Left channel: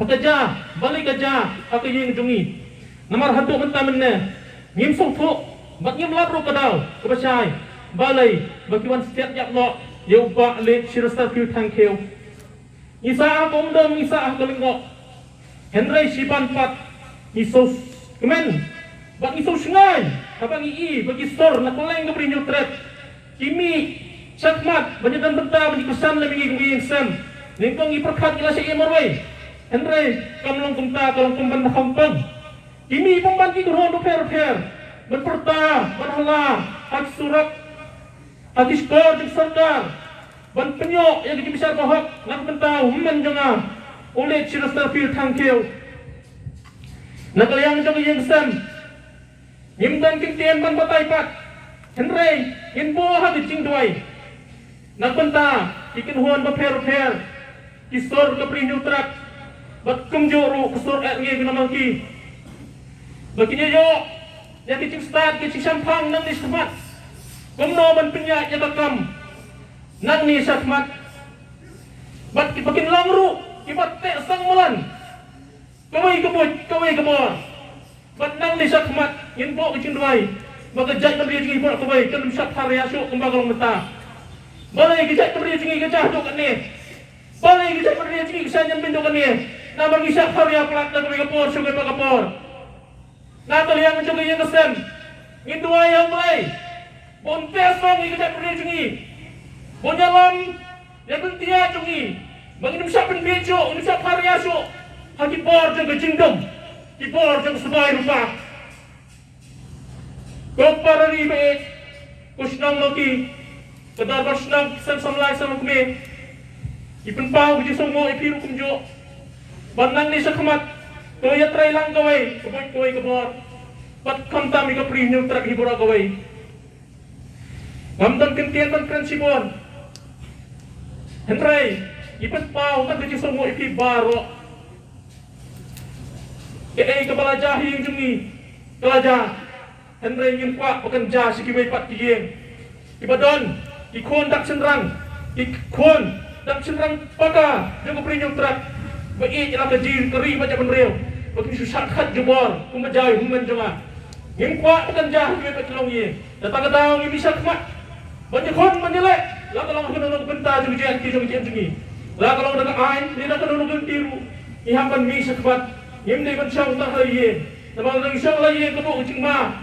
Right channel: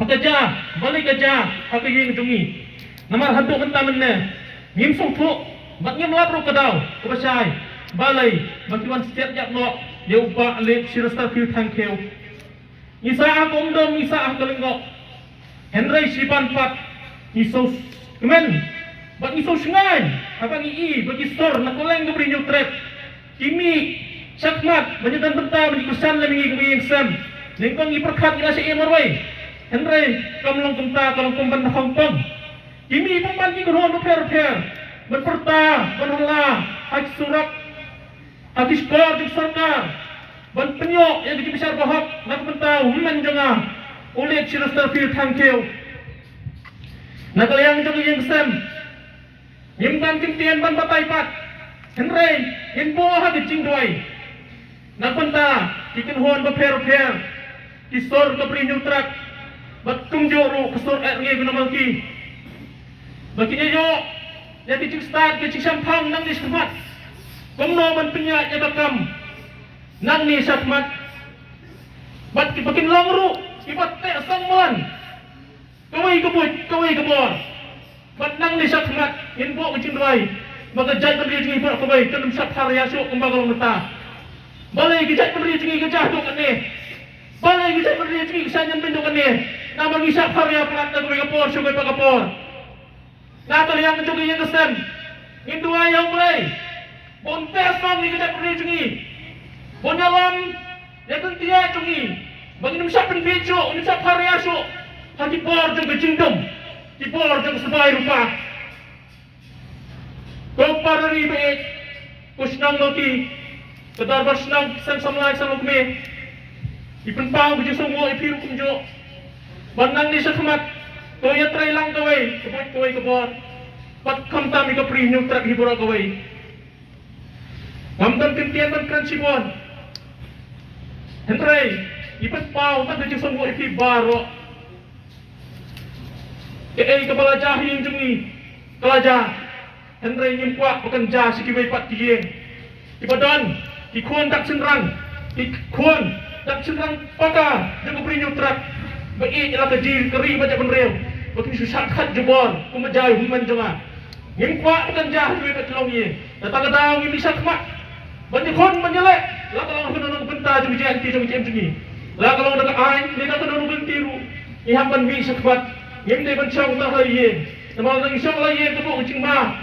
Pakaja, balik aja, apa yang jungi. Namar hantu mentah mana? Ngim sungfu, mat ngim labru kadau, kebasai, balai, bakiwan setiap yak no, dia ubah lep sirasta fil tangkeu. Isa ah kongdom, isa ah kalengok. Henry Sipan Pat, isos, kemen, bak isos sungai, apa ngi bagi store, nak koleng tu beri nyutret. Kimi, sakmat, banyak dan mentah, banyak kesan lebih ngi yang sem. Lengkong iperkat ila si emarway. Henry, kamlong kumta, kalong kumban na Hongkong. Kimi pemban ki kurhon per, berperta, berhala, hak surat, hadis kor, di sorga, ban penyok yang dikibisar bahak, nak mentau, himan janga, ulit sirastar fil tangkeu. Nak yang janga yang sem, yimban kimtian ban patay pat, Henry, yimbo hadis cingdoy. Nak mentah, ikinhuan per, kisor kapri nyutrak, bat kumjoro kusur RG binamangki. Baginya yo, jadi cik start, cik sampang nang ni sahmat. Kumno ban pinya ya bakam, nang ni sahmat. Bat bakin lamru, kibat te sangmulan. Kawai kebor. Bat nang ni sahmat, info kecing doai. Baga jai berdiri cing pura kawai, telum sat hari asuk kumbagal meta. Balai kijai berdiri cing kecah dok ni. Balai kijai berdiri cing kesanyan bindok ni. Nama bisa hari apa nak kebor sugai pakapor. Natal yang mencoba yang kesem, indua yang mulai, bontes bang ini tidak pernah cungi, bonyalan yang kentia cungi, bagi ini bisa penbejo, ini bisa karyaso, hati bor jeng kecingdom, di bor jeng sebagai rupa, kau para ribe, kusnam lagi, kedar bersnam sem samlai sama kami, ipenpang buji semua ipiru kumjo, bandang ni sekmat. Kau ya try lang kawai, kawai kebor. Pat kamtam ika premium truck hibura kawai. Kamdan kentian man kan sibor. Henry, ipat pau tak dijing semua iki baro. Kaya kepala jahi yang jungi, kelaja. Henry yang kuat bukan jah sikiwai pat tigeng. Ibadan, ikuan tak senrang, ikuan tak senrang paka, jago premium truck. Baik ialah kejir keri baca penrel. Bagi susah kat jebol, kumajai human jema. Ngim kuat bukan jah duit kat tolong ye. Datang-datang ngim bisa kemak. Banyak kon menyelek. Lah kalau kena nang benta jeung jeng jeung jengi. Lah kalau dak ai, ni nak kena nang tiru. Iham ban bisa kemak. Ngim de ban chang ta ye. Namang nang isang la ye kebuk cing ma.